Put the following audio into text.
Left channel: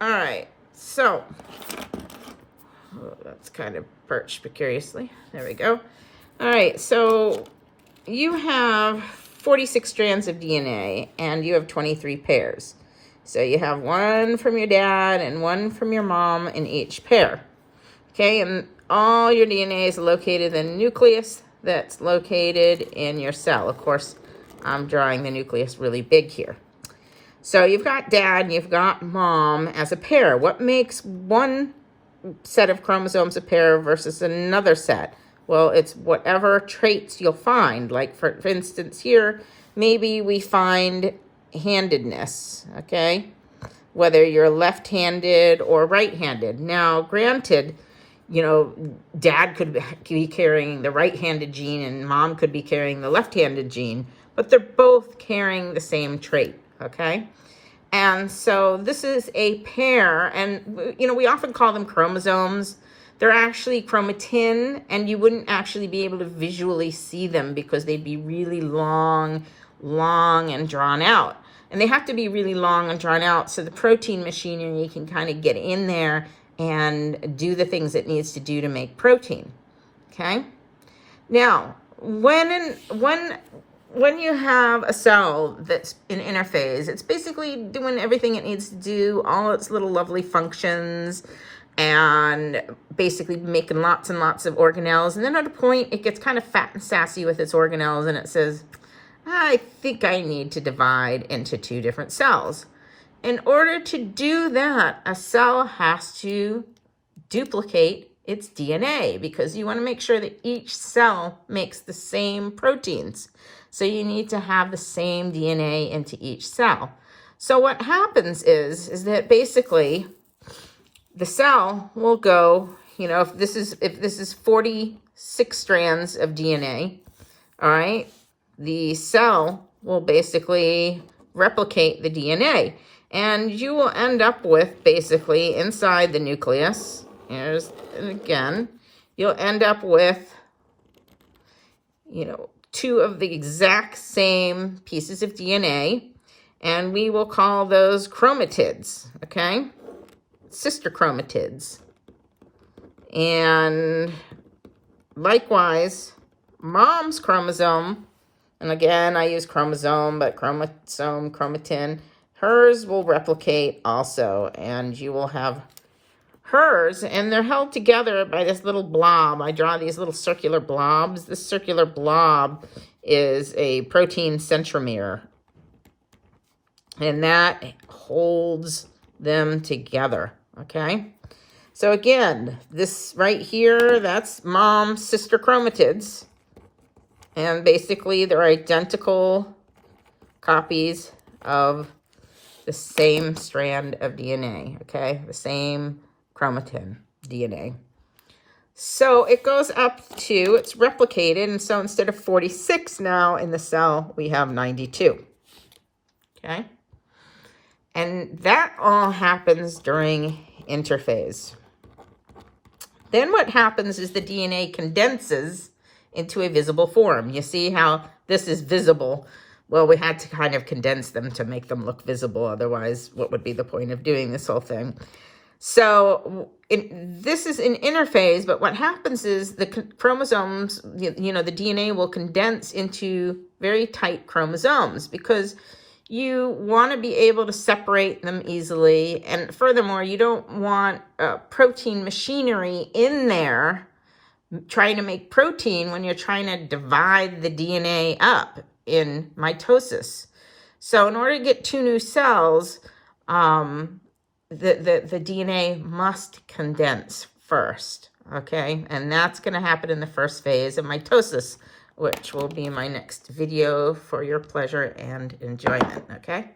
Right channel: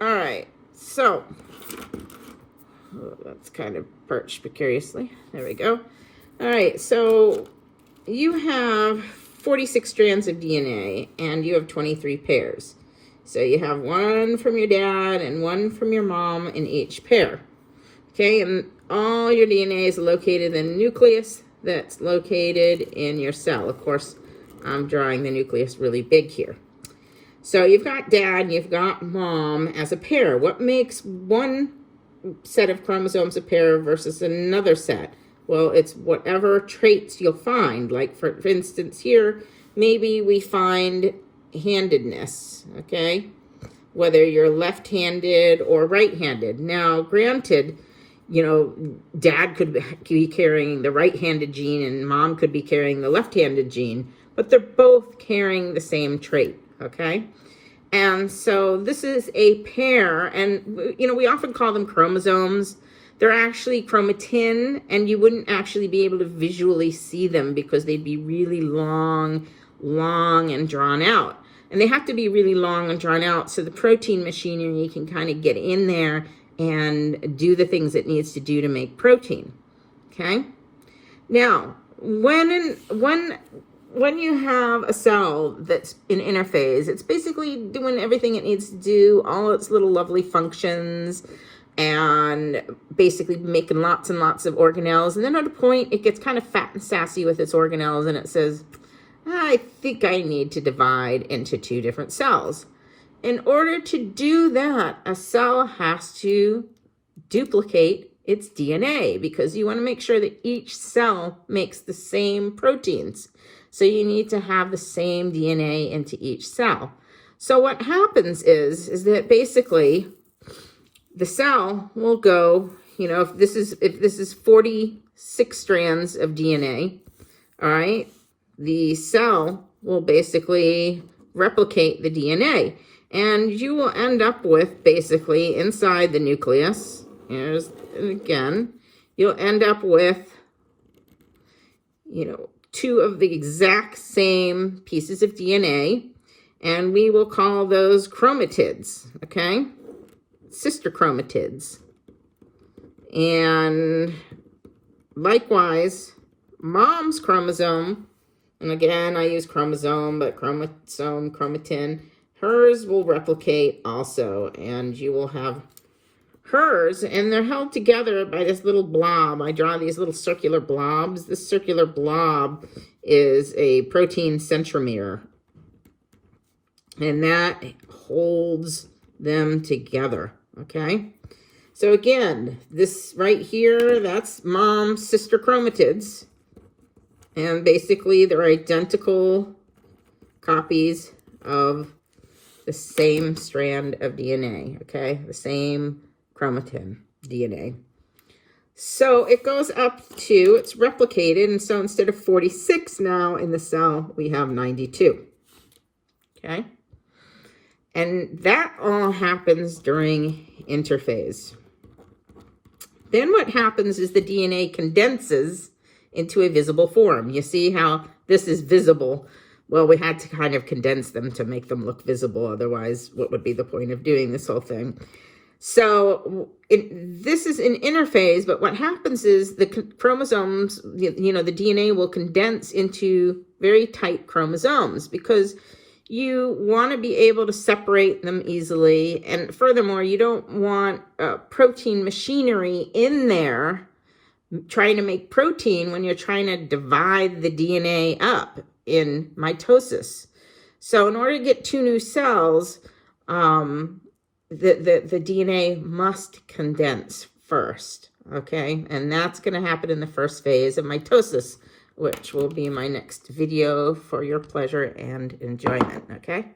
All right, so that's kind of perched precariously. There we go. All right, so you have 46 strands of DNA and you have 23 pairs. So you have one from your dad and one from your mom in each pair. Okay, and all your DNA is located in the nucleus that's located in your cell. Of course, I'm drawing the nucleus really big here. So you've got dad and you've got mom as a pair. What makes one set of chromosomes a pair versus another set? Well, it's whatever traits you'll find. Like for instance here, maybe we find handedness, okay? Whether you're left-handed or right-handed. Now, granted, you know, dad could be carrying the right-handed gene and mom could be carrying the left-handed gene, but they're both carrying the same trait, okay? And so this is a pair, and, you know, we often call them chromosomes. They're actually chromatin, and you wouldn't actually be able to visually see them because they'd be really long and drawn out. And they have to be really long and drawn out so the protein machinery can kind of get in there and do the things it needs to do to make protein, okay? Now, when you have a cell that's in interphase, it's basically doing everything it needs to do, all its little lovely functions, and basically making lots and lots of organelles. And then at a point, it gets kind of fat and sassy with its organelles, and it says, I think I need to divide into two different cells. In order to do that, a cell has to duplicate its DNA because you want to make sure that each cell makes the same proteins. So you need to have the same DNA into each cell. So what happens is that basically the cell will go, you know, if this is 46 strands of DNA, all right, the cell will basically replicate the DNA. And you will end up with basically inside the nucleus, and again, you'll end up with, you know, two of the exact same pieces of DNA, and we will call those chromatids, okay? Sister chromatids. And likewise, mom's chromosome, and again, I use chromosome, but chromosome, chromatin, hers will replicate also, and you will have hers, and they're held together by this little blob. I draw these little circular blobs. This circular blob is a protein centromere, and that holds them together, okay? So again, this right here, that's mom's sister chromatids, and basically they're identical copies of the same strand of DNA, okay? The same chromatin DNA. So it goes up to, it's replicated, and so instead of 46 now in the cell, we have 92, okay? And that all happens during interphase. Then what happens is the DNA condenses into a visible form. You see how this is visible? Well, we had to kind of condense them to make them look visible. Otherwise, what would be the point of doing this whole thing? So this is an interphase, but what happens is the chromosomes, you know, the DNA will condense into very tight chromosomes because you want to be able to separate them easily. And furthermore, you don't want protein machinery in there trying to make protein when you're trying to divide the DNA up in mitosis. So in order to get two new cells, the DNA must condense first, okay? And that's going to happen in the first phase of mitosis, which will be my next video for your pleasure and enjoyment, okay?